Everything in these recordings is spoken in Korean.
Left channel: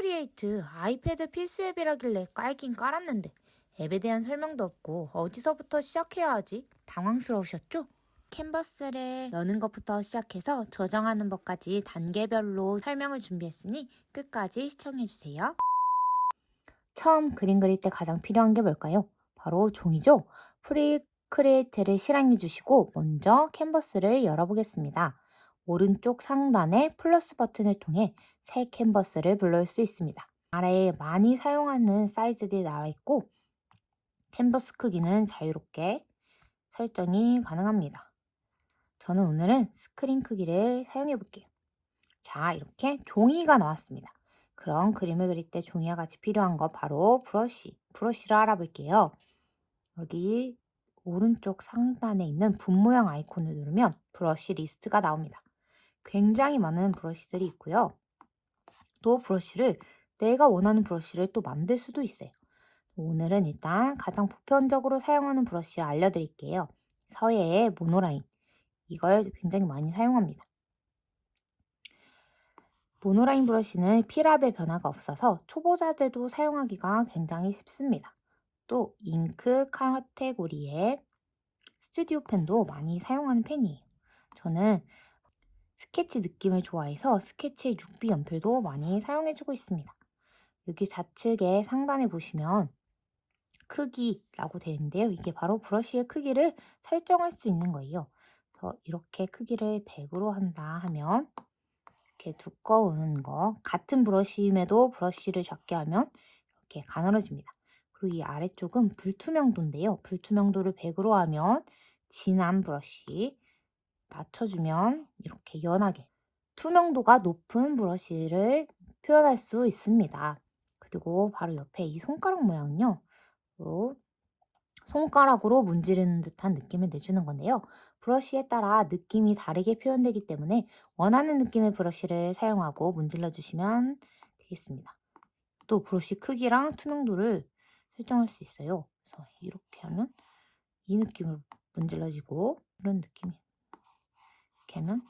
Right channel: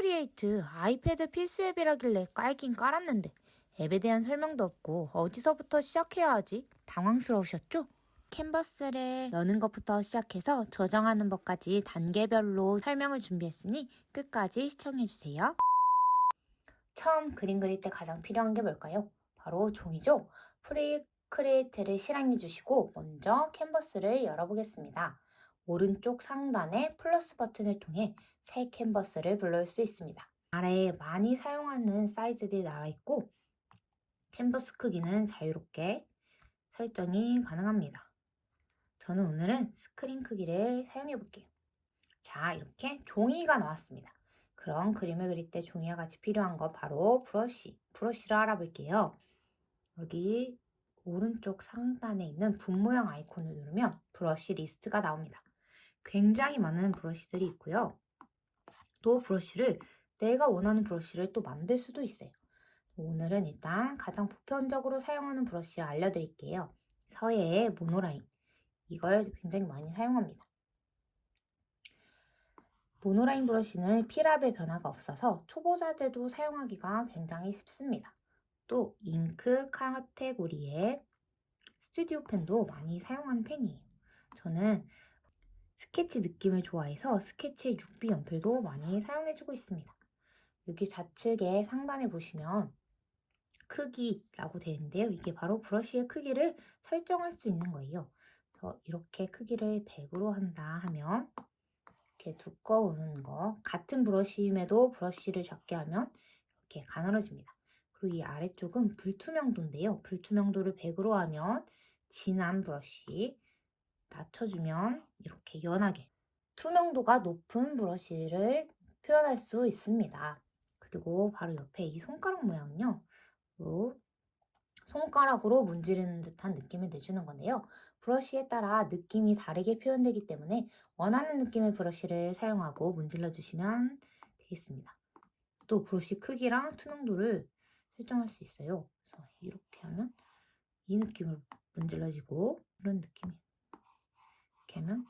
프로크리에이트 아이패드 필수 앱이라길래 깔긴 깔았는데 앱에 대한 설명도 없고 어디서부터 시작해야 하지? 당황스러우셨죠? 캔버스를 여는 것부터 시작해서 저장하는 법까지 단계별로 설명을 준비했으니 끝까지 시청해주세요. 처음 그림 그릴 때 가장 필요한 게 뭘까요? 바로 종이죠? 프리크리에이트를 실행해 주시고 먼저 캔버스를 열어보겠습니다. 오른쪽 상단의 플러스 버튼을 통해 새 캔버스를 불러올 수 있습니다. 아래에 많이 사용하는 사이즈들이 나와 있고 캔버스 크기는 자유롭게 설정이 가능합니다. 저는 오늘은 스크린 크기를 사용해 볼게요. 자, 이렇게 종이가 나왔습니다. 그럼 그림을 그릴 때 종이와 같이 필요한 거 바로 브러쉬를 알아볼게요. 여기 오른쪽 상단에 있는 분 모양 아이콘을 누르면 브러쉬 리스트가 나옵니다. 굉장히 많은 브러쉬들이 있고요. 또 브러쉬를 내가 원하는 브러쉬를 또 만들 수도 있어요. 오늘은 일단 가장 보편적으로 사용하는 브러쉬를 알려드릴게요. 서예의 모노라인. 이걸 굉장히 많이 사용합니다. 모노라인 브러쉬는 필압의 변화가 없어서 초보자들도 사용하기가 굉장히 쉽습니다. 또 잉크 카테고리의 스튜디오 펜도 많이 사용하는 펜이에요. 저는 스케치 느낌을 좋아해서 스케치 6B 연필도 많이 사용해주고 있습니다. 여기 좌측에 상단에 보시면 크기라고 되어 있는데요. 이게 바로 브러쉬의 크기를 설정할 수 있는 거예요. 그래서 이렇게 크기를 100으로 한다 하면 이렇게 두꺼운 거 같은 브러쉬임에도 브러쉬를 작게 하면 이렇게 가늘어집니다. 그리고 이 아래쪽은 불투명도인데요. 불투명도를 100으로 하면 진한 브러쉬 낮춰주면 이렇게 연하게 투명도가 높은 브러쉬를 표현할 수 있습니다. 그리고 바로 옆에 이 손가락 모양은요. 손가락으로 문지르는 듯한 느낌을 내주는 건데요. 브러쉬에 따라 느낌이 다르게 표현되기 때문에 원하는 느낌의 브러쉬를 사용하고 문질러 주시면 되겠습니다. 또 브러쉬 크기랑 투명도를 설정할 수 있어요. 그래서 이렇게 하면 이 느낌으로 문질러지고 이런 느낌이 이렇게 하면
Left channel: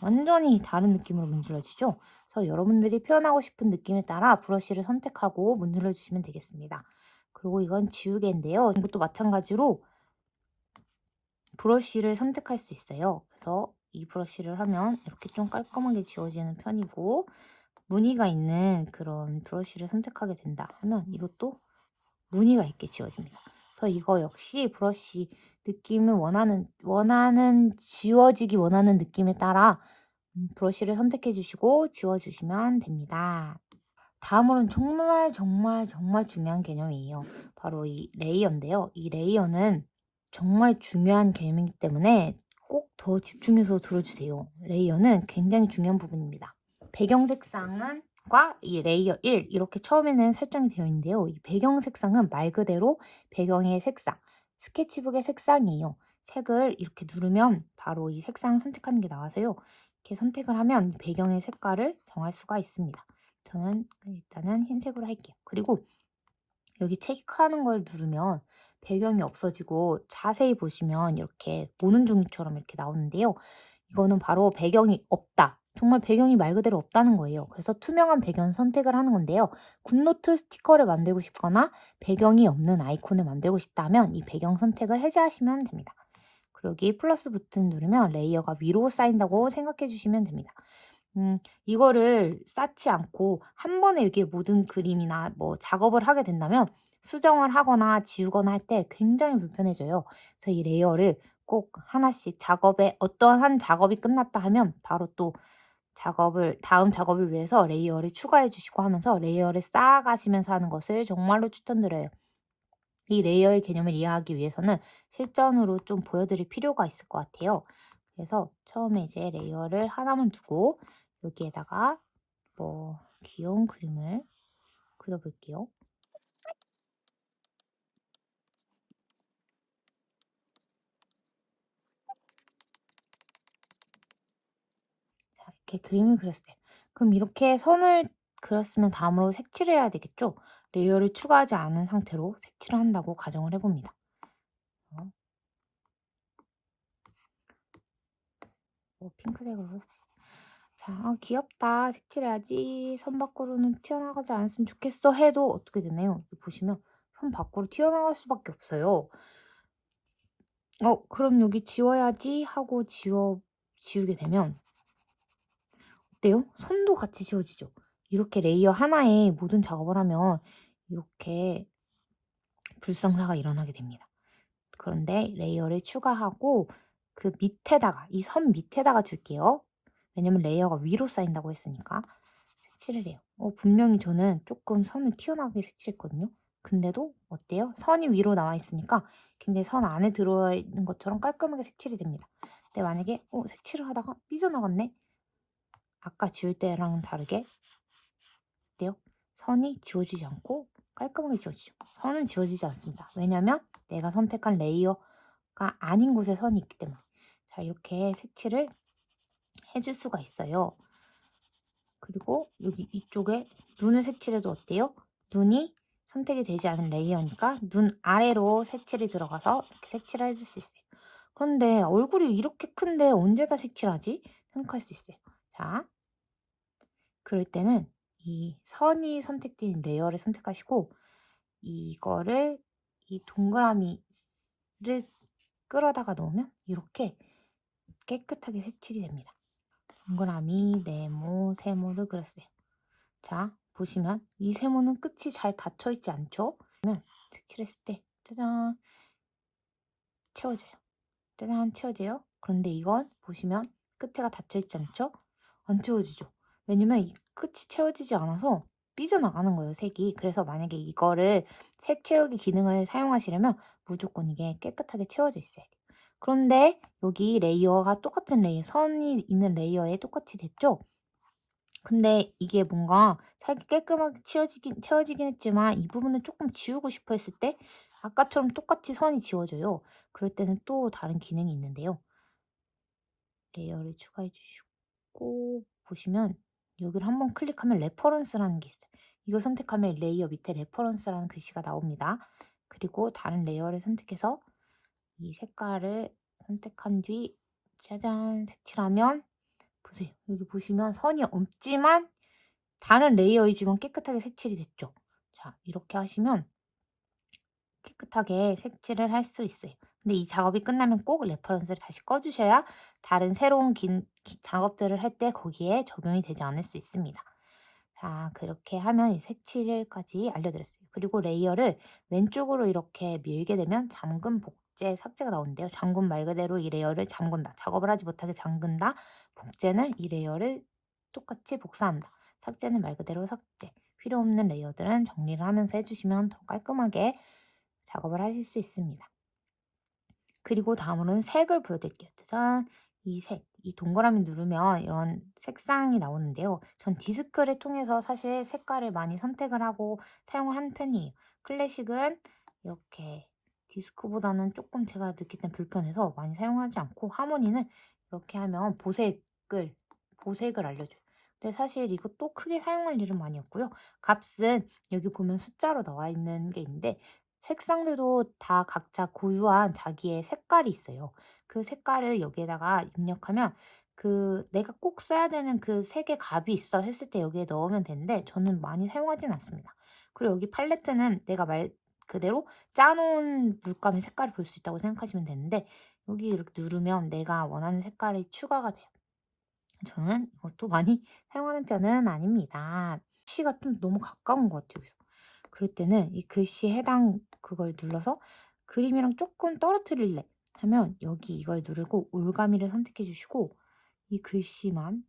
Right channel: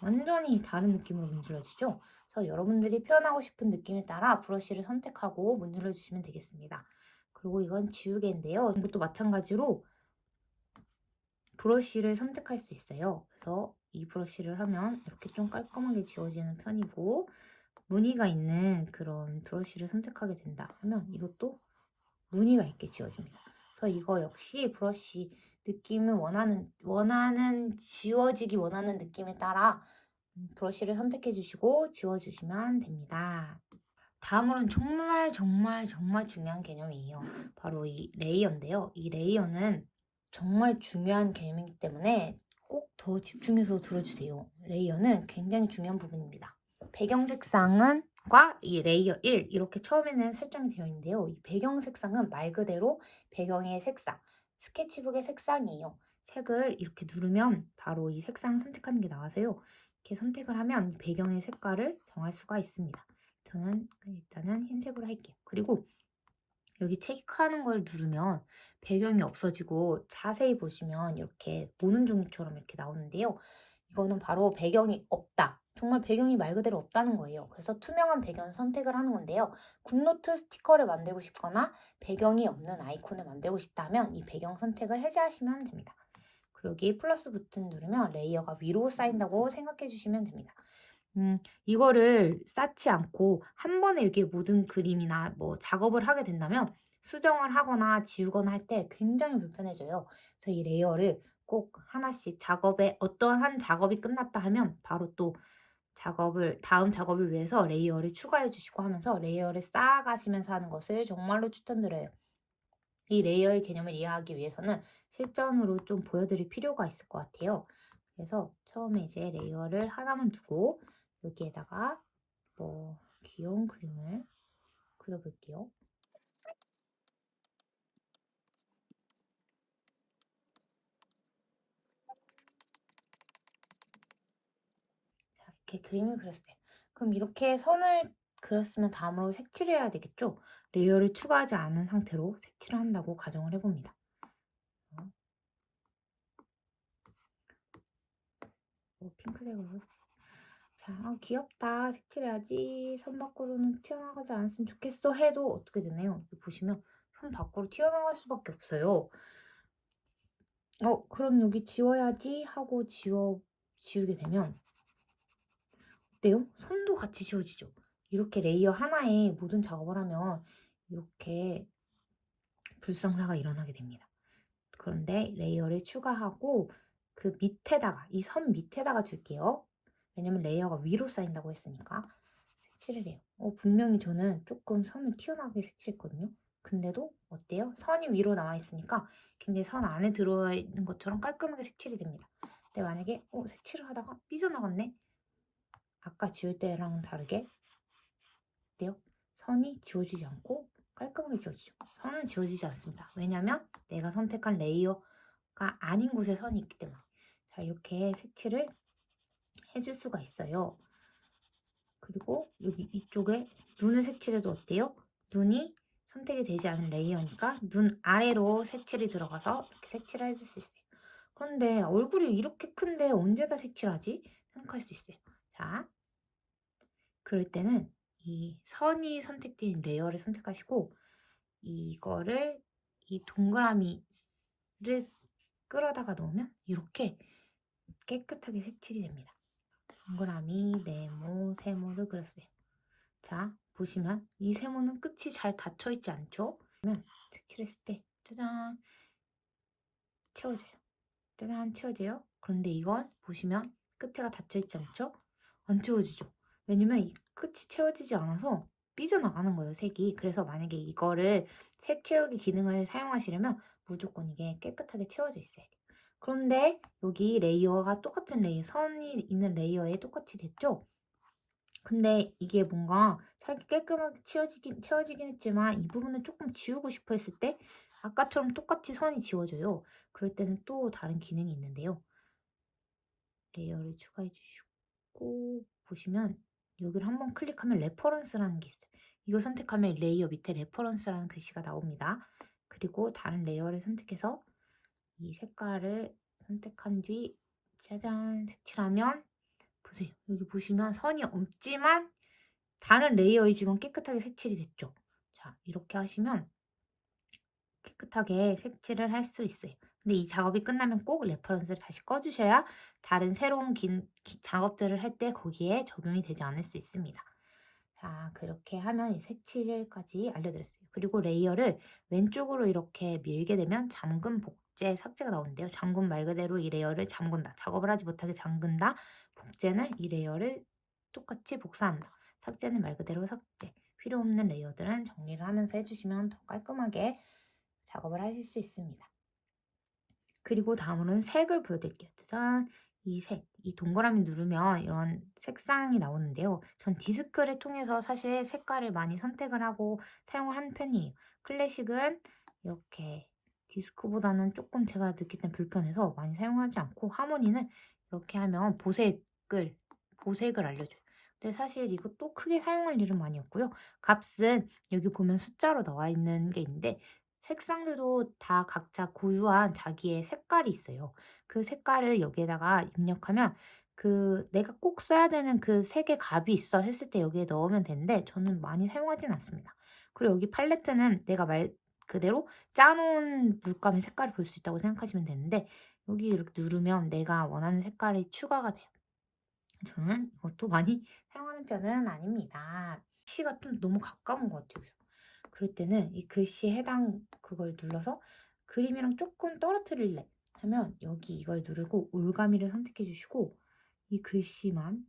완전히 다른 느낌으로 문질러지죠. 그래서 여러분들이 표현하고 싶은 느낌에 따라 브러쉬를 선택하고 문질러 주시면 되겠습니다. 그리고 이건 지우개인데요. 이것도 마찬가지로 브러쉬를 선택할 수 있어요. 그래서 이 브러쉬를 하면 이렇게 좀 깔끔하게 지워지는 편이고 무늬가 있는 그런 브러쉬를 선택하게 된다 하면 이것도 무늬가 있게 지워집니다. 그래서 이거 역시 브러쉬 느낌을 지워지기 원하는 느낌에 따라 브러쉬를 선택해 주시고 지워 주시면 됩니다. 다음으로는 정말 중요한 개념이에요. 바로 이 레이어인데요. 이 레이어는 정말 중요한 개념이기 때문에 꼭 더 집중해서 들어주세요. 레이어는 굉장히 중요한 부분입니다. 배경 색상은 이 레이어 1 이렇게 처음에는 설정이 되어 있는데요. 이 배경 색상은 말 그대로 배경의 색상, 스케치북의 색상이에요. 색을 이렇게 누르면 바로 이 색상 선택하는 게 나와서요. 이렇게 선택을 하면 배경의 색깔을 정할 수가 있습니다. 저는 일단은 흰색으로 할게요. 그리고 여기 체크하는 걸 누르면 배경이 없어지고 자세히 보시면 이렇게 보는 종이처럼 이렇게 나오는데요. 이거는 바로 배경이 없다. 정말 배경이 말 그대로 없다는 거예요. 그래서 투명한 배경 선택을 하는 건데요. 굿노트 스티커를 만들고 싶거나 배경이 없는 아이콘을 만들고 싶다면 이 배경 선택을 해제하시면 됩니다. 그리고 여기 플러스 버튼 누르면 레이어가 위로 쌓인다고 생각해 주시면 됩니다. 이거를 쌓지 않고 한 번에 여기에 모든 그림이나 뭐 작업을 하게 된다면 수정을 하거나 지우거나 할 때 굉장히 불편해져요. 그래서 이 레이어를 꼭 하나씩 어떠한 작업이 끝났다 하면 바로 또 다음 작업을 위해서 레이어를 추가해 주시고 하면서 레이어를 쌓아가시면서 하는 것을 정말로 추천드려요. 이 레이어의 개념을 이해하기 위해서는 실전으로 좀 보여드릴 필요가 있을 것 같아요. 그래서 처음에 이제 레이어를 하나만 두고 여기에다가 뭐 귀여운 그림을 그려볼게요. 자, 이렇게 그림을 그렸어요. 그럼 이렇게 선을 그렸으면 다음으로 색칠을 해야 되겠죠? 레이어를 추가하지 않은 상태로 색칠을 한다고 가정을 해봅니다. 핑크색으로 했지. 자, 자, 귀엽다. 색칠해야지. 선 밖으로는 튀어나가지 않았으면 좋겠어 해도 어떻게 되나요? 여기 보시면 선 밖으로 튀어나갈 수밖에 없어요. 그럼 여기 지워야지 하고 지우게 되면 어때요? 선도 같이 지워지죠. 이렇게 레이어 하나에 모든 작업을 하면 이렇게 불상사가 일어나게 됩니다. 그런데 레이어를 추가하고 그 밑에다가 이 선 밑에다가 줄게요. 왜냐면 레이어가 위로 쌓인다고 했으니까 색칠을 해요. 분명히 저는 조금 선을 튀어나오게 색칠했거든요. 근데도 어때요? 선이 위로 나와 있으니까 굉장히 선 안에 들어있는 것처럼 깔끔하게 색칠이 됩니다. 근데 만약에 색칠을 하다가 삐져나갔네? 아까 지울 때랑 다르게 어때요? 선이 지워지지 않고 깔끔하게 지워지죠. 선은 지워지지 않습니다. 왜냐면 내가 선택한 레이어가 아닌 곳에 선이 있기 때문에. 자, 이렇게 색칠을 해줄 수가 있어요. 그리고 여기 이쪽에 눈을 색칠해도 어때요? 눈이 선택이 되지 않은 레이어니까 눈 아래로 색칠이 들어가서 이렇게 색칠을 해줄 수 있어요. 그런데 얼굴이 이렇게 큰데 언제 다 색칠하지? 생각할 수 있어요. 자, 그럴 때는 이 선이 선택된 레이어를 선택하시고 이거를 이 동그라미를 끌어다가 넣으면 이렇게 깨끗하게 색칠이 됩니다. 동그라미, 네모, 세모를 그렸어요. 자, 보시면 이 세모는 끝이 잘 닫혀 있지 않죠? 그러면 색칠했을 때 짜잔 채워져요. 짜잔 채워져요. 그런데 이건 보시면 끝에가 닫혀 있지 않죠? 안 채워지죠. 왜냐면 이 끝이 채워지지 않아서 삐져나가는 거예요, 색이. 그래서 만약에 이거를 색 채우기 기능을 사용하시려면 무조건 이게 깨끗하게 채워져 있어야 돼요. 그런데 여기 레이어가 똑같은 레이어, 선이 있는 레이어에 똑같이 됐죠? 근데 이게 뭔가 살기 깔끔하게 채워지긴 했지만 이 부분을 조금 지우고 싶어 했을 때 아까처럼 똑같이 선이 지워져요. 그럴 때는 또 다른 기능이 있는데요. 레이어를 추가해 주시고 보시면 여기를 한번 클릭하면 레퍼런스라는 게 있어요. 이거 선택하면 레이어 밑에 레퍼런스라는 글씨가 나옵니다. 그리고 다른 레이어를 선택해서 이 색깔을 선택한 뒤 짜잔 색칠하면 보세요. 여기 보시면 선이 없지만 다른 레이어이지만 깨끗하게 색칠이 됐죠. 자, 이렇게 하시면 깨끗하게 색칠을 할 수 있어요. 근데 이 작업이 끝나면 꼭 레퍼런스를 다시 꺼주셔야 다른 새로운 작업들을 할 때 거기에 적용이 되지 않을 수 있습니다. 자, 그렇게 하면 이 색칠까지 알려드렸어요. 그리고 레이어를 왼쪽으로 이렇게 밀게 되면 잠금, 복제, 삭제가 나오는데요. 잠금 말 그대로 이 레이어를 잠근다. 작업을 하지 못하게 잠근다. 복제는 이 레이어를 똑같이 복사한다. 삭제는 말 그대로 삭제. 필요 없는 레이어들은 정리를 하면서 해주시면 더 깔끔하게 작업을 하실 수 있습니다. 그리고 다음으로는 색을 보여드릴게요. 짜잔! 이 색, 이 동그라미 누르면 이런 색상이 나오는데요. 전 디스크를 통해서 사실 색깔을 많이 선택을 하고 사용을 하는 편이에요. 클래식은 이렇게 디스크보다는 조금 제가 느낄 땐 불편해서 많이 사용하지 않고 하모니는 이렇게 하면 보색을 알려줘요. 근데 사실 이것도 크게 사용할 일은 많이 없고요. 값은 여기 보면 숫자로 나와 있는 게 있는데 색상들도 다 각자 고유한 자기의 색깔이 있어요. 그 색깔을 여기에다가 입력하면 내가 꼭 써야 되는 그 색의 값이 있어 했을 때 여기에 넣으면 되는데 저는 많이 사용하진 않습니다. 그리고 여기 팔레트는 내가 말 그대로 짜놓은 물감의 색깔을 볼 수 있다고 생각하시면 되는데 여기 이렇게 누르면 내가 원하는 색깔이 추가가 돼요. 저는 이것도 많이 사용하는 편은 아닙니다. 글씨가 좀 너무 가까운 것 같아요. 그럴 때는 이 글씨에 해당 그걸 눌러서 그림이랑 조금 떨어뜨릴래 하면 여기 이걸 누르고 올가미를 선택해 주시고 이 글씨만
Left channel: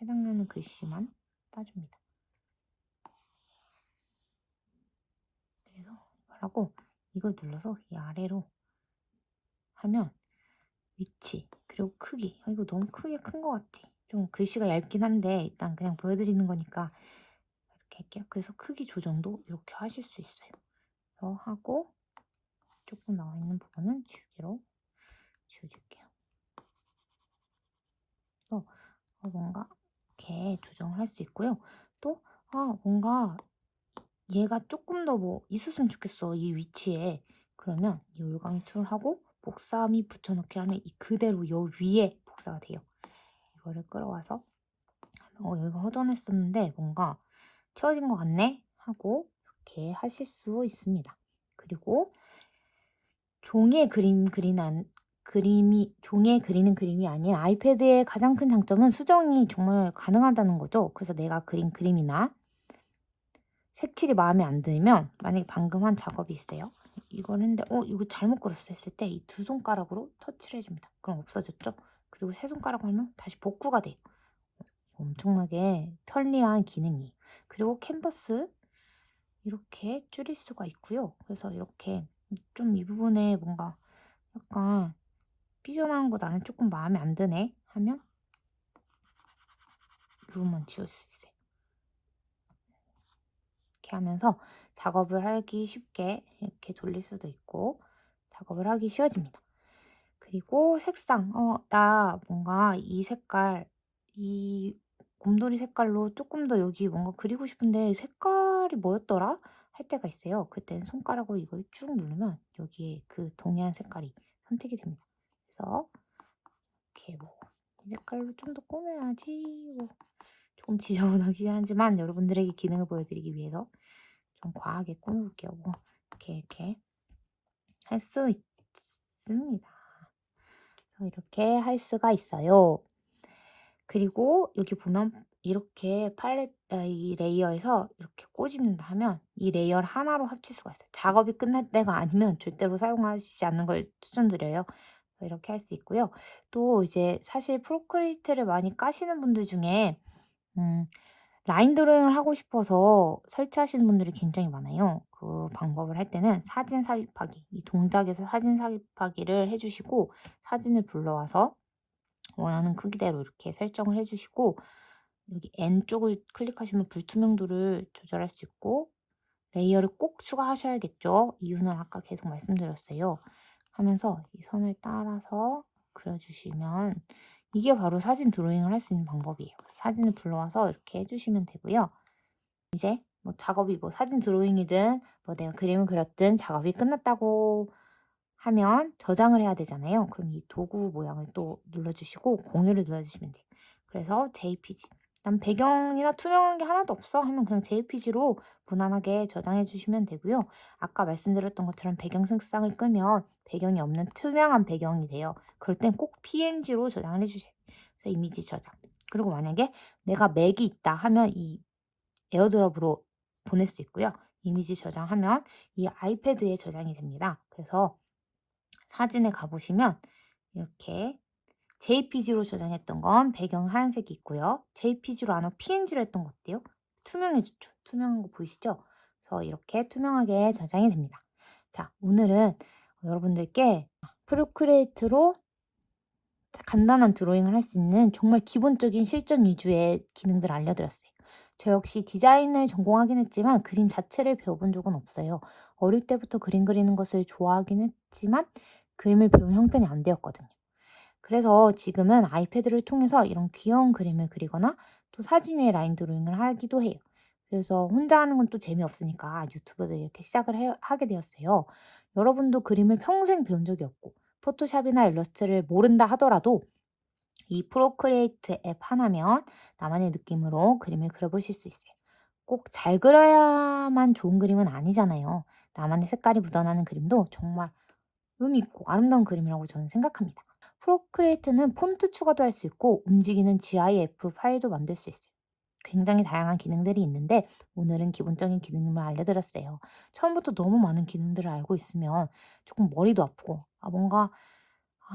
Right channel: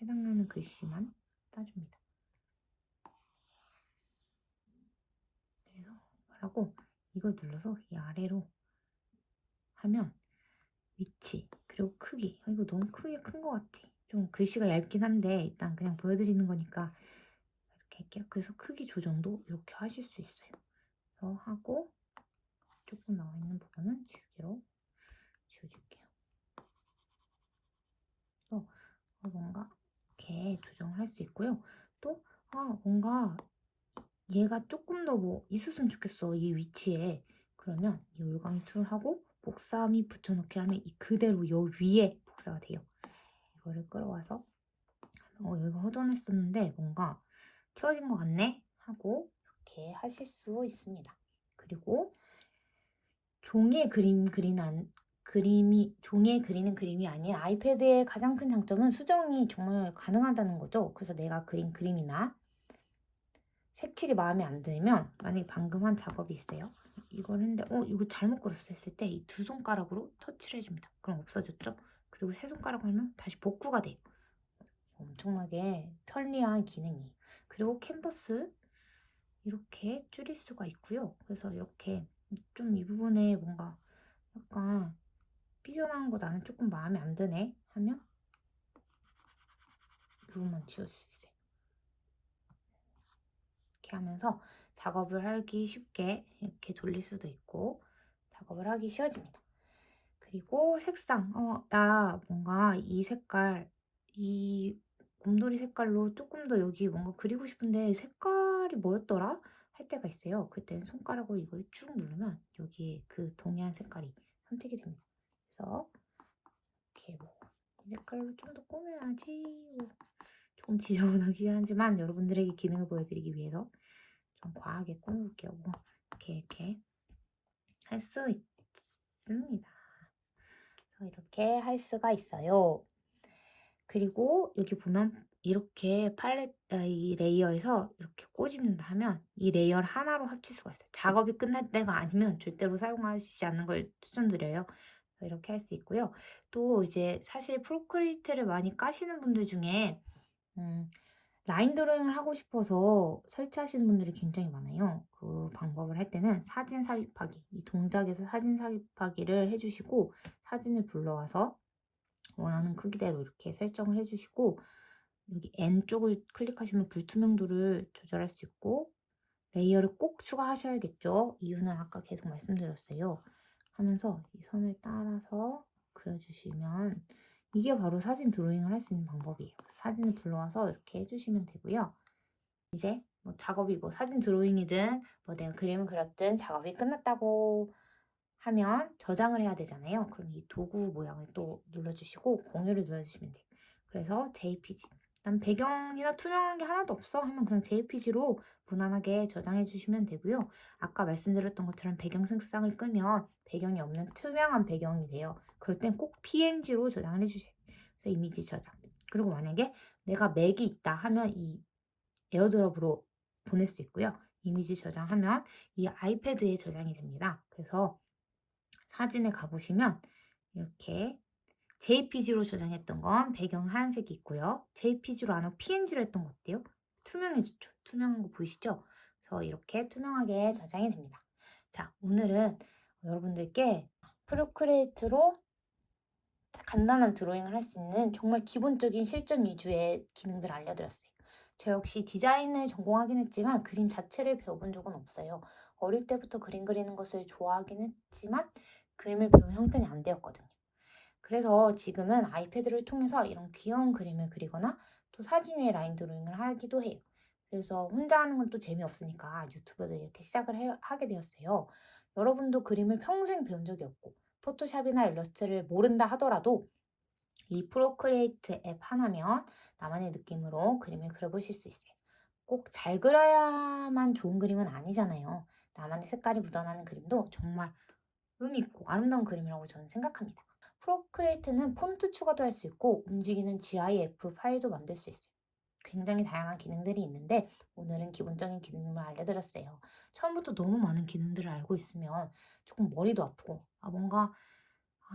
해당되는 글씨만 따줍니다. 그래서 하고 이걸 눌러서 이 아래로 하면 위치 그리고 크기 이거 너무 크게 큰 것 같아. 좀 글씨가 얇긴 한데 일단 그냥 보여드리는 거니까 이렇게 할게요. 그래서 크기 조정도 이렇게 하실 수 있어요. 그래서 하고 조금 나와 있는 부분은 지우개로 지워줄게요. 또 뭔가 이렇게 조정을 할 수 있고요. 또 뭔가 얘가 조금 더 뭐 있었으면 좋겠어 이 위치에. 그러면 이 올강툴하고 복사 및 붙여넣기 하면 이 그대로 요 위에 복사가 돼요. 이거를 끌어와서 여기가 허전했었는데 뭔가 채워진 것 같네 하고 이렇게 하실 수 있습니다. 그리고 종이에 종이에 그리는 그림이 아닌 아이패드의 가장 큰 장점은 수정이 정말 가능하다는 거죠. 그래서 내가 그린 그림이나 색칠이 마음에 안 들면, 만약에 방금 한 작업이 있어요. 이걸 했는데 이거 잘못 그렸어 했을 때 이 두 손가락으로 터치를 해 줍니다. 그럼 없어졌죠? 그리고 세 손가락으로 하면 다시 복구가 돼요. 엄청나게 편리한 기능이에요. 그리고 캔버스 이렇게 줄일 수가 있고요. 그래서 이렇게 좀 이 부분에 뭔가 약간 삐져나온 거 나는 조금 마음에 안 드네 하면 이 부분만 지울 수 있어요. 이렇게 하면서 작업을 하기 쉽게 이렇게 돌릴 수도 있고 작업을 하기 쉬워집니다. 그리고 색상, 나 뭔가 이 색깔, 이 곰돌이 색깔로 조금 더 여기 뭔가 그리고 싶은데 색깔이 뭐였더라? 할 때가 있어요. 그때는 손가락으로 이걸 쭉 누르면 여기에 그 동일한 색깔이 선택이 됩니다. 그래서 이렇게 뭐 이 색깔로 좀 더 꾸며야지 뭐 조금 지저분하긴 하지만 여러분들에게 기능을 보여드리기 위해서 좀 과하게 꾸며볼게요. 뭐 이렇게 할 수 있습니다. 이렇게 할 수가 있어요. 그리고 여기 보면 이렇게 이 레이어에서 이렇게 꼬집는다 하면 이 레이어를 하나로 합칠 수가 있어요. 작업이 끝날 때가 아니면 절대로 사용하시지 않는 걸 추천드려요. 이렇게 할 수 있고요. 또 이제 사실 프로크리에이트를 많이 까시는 분들 중에 음 라인 드로잉을 하고 싶어서 설치하시는 분들이 굉장히 많아요. 그 방법을 할 때는 사진 삽입하기, 이 동작에서 사진 삽입하기를 해 주시고 사진을 불러와서 원하는 크기대로 이렇게 설정을 해 주시고 여기 N 쪽을 클릭하시면 불투명도를 조절할 수 있고 레이어를 꼭 추가하셔야겠죠. 이유는 아까 계속 말씀드렸어요. 하면서 이 선을 따라서 그려주시면 이게 바로 사진 드로잉을 할 수 있는 방법이에요. 사진을 불러와서 이렇게 해주시면 되고요. 이제 뭐 작업이 뭐 사진 드로잉이든 뭐 내가 그림을 그렸든 작업이 끝났다고 하면 저장을 해야 되잖아요. 그럼 이 도구 모양을 또 눌러주시고 공유를 눌러주시면 돼요. 그래서 JPG. 난 배경이나 투명한 게 하나도 없어 하면 그냥 JPG로 무난하게 저장해 주시면 되고요. 아까 말씀드렸던 것처럼 배경 색상을 끄면 배경이 없는 투명한 배경이 돼요. 그럴 땐 꼭 PNG로 저장을 해주세요. 그래서 이미지 저장. 그리고 만약에 내가 맥이 있다 하면 이 에어드롭으로 보낼 수 있고요. 이미지 저장하면 이 아이패드에 저장이 됩니다. 그래서 사진에 가보시면 이렇게 JPG로 저장했던 건 배경 하얀색이 있고요. JPG로 안 하고 PNG로 했던 거 어때요? 투명해졌죠? 투명한 거 보이시죠? 그래서 이렇게 투명하게 저장이 됩니다. 자, 오늘은 여러분들께 프로크리에이트로 간단한 드로잉을 할 수 있는 정말 기본적인 실전 위주의 기능들을 알려드렸어요. 저 역시 디자인을 전공하긴 했지만 그림 자체를 배워본 적은 없어요. 어릴 때부터 그림 그리는 것을 좋아하긴 했지만 그림을 배운 형편이 안 되었거든요. 그래서 지금은 아이패드를 통해서 이런 귀여운 그림을 그리거나 또 사진 위에 라인 드로잉을 하기도 해요. 그래서 혼자 하는 건 또 재미없으니까 유튜브도 이렇게 시작을 하게 되었어요. 여러분도 그림을 평생 배운 적이 없고 포토샵이나 일러스트를 모른다 하더라도 이 프로크리에이트 앱 하나면 나만의 느낌으로 그림을 그려보실 수 있어요. 꼭 잘 그려야만 좋은 그림은 아니잖아요. 나만의 색깔이 묻어나는 그림도 정말 의미 있고 아름다운 그림이라고 저는 생각합니다. 프로크리에이트는 폰트 추가도 할 수 있고 움직이는 GIF 파일도 만들 수 있어요. 굉장히 다양한 기능들이 있는데 오늘은 기본적인 기능만 알려드렸어요. 처음부터 너무 많은 기능들을 알고 있으면 조금 머리도 아프고 뭔가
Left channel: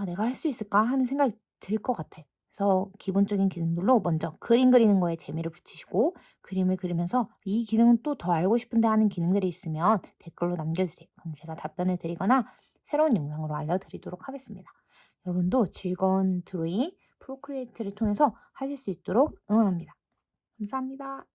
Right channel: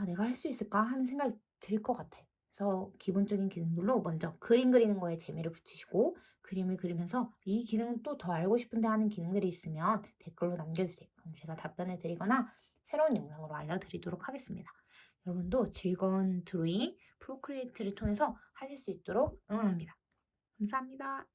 내가 할 수 있을까 하는 생각이 들 것 같아요. 그래서 기본적인 기능들로 먼저 그림 그리는 거에 재미를 붙이시고 그림을 그리면서 이 기능은 또 더 알고 싶은데 하는 기능들이 있으면 댓글로 남겨주세요. 그럼 제가 답변을 드리거나 새로운 영상으로 알려드리도록 하겠습니다. 여러분도 즐거운 드로잉 프로크리에이트를 통해서 하실 수 있도록 응원합니다. 감사합니다.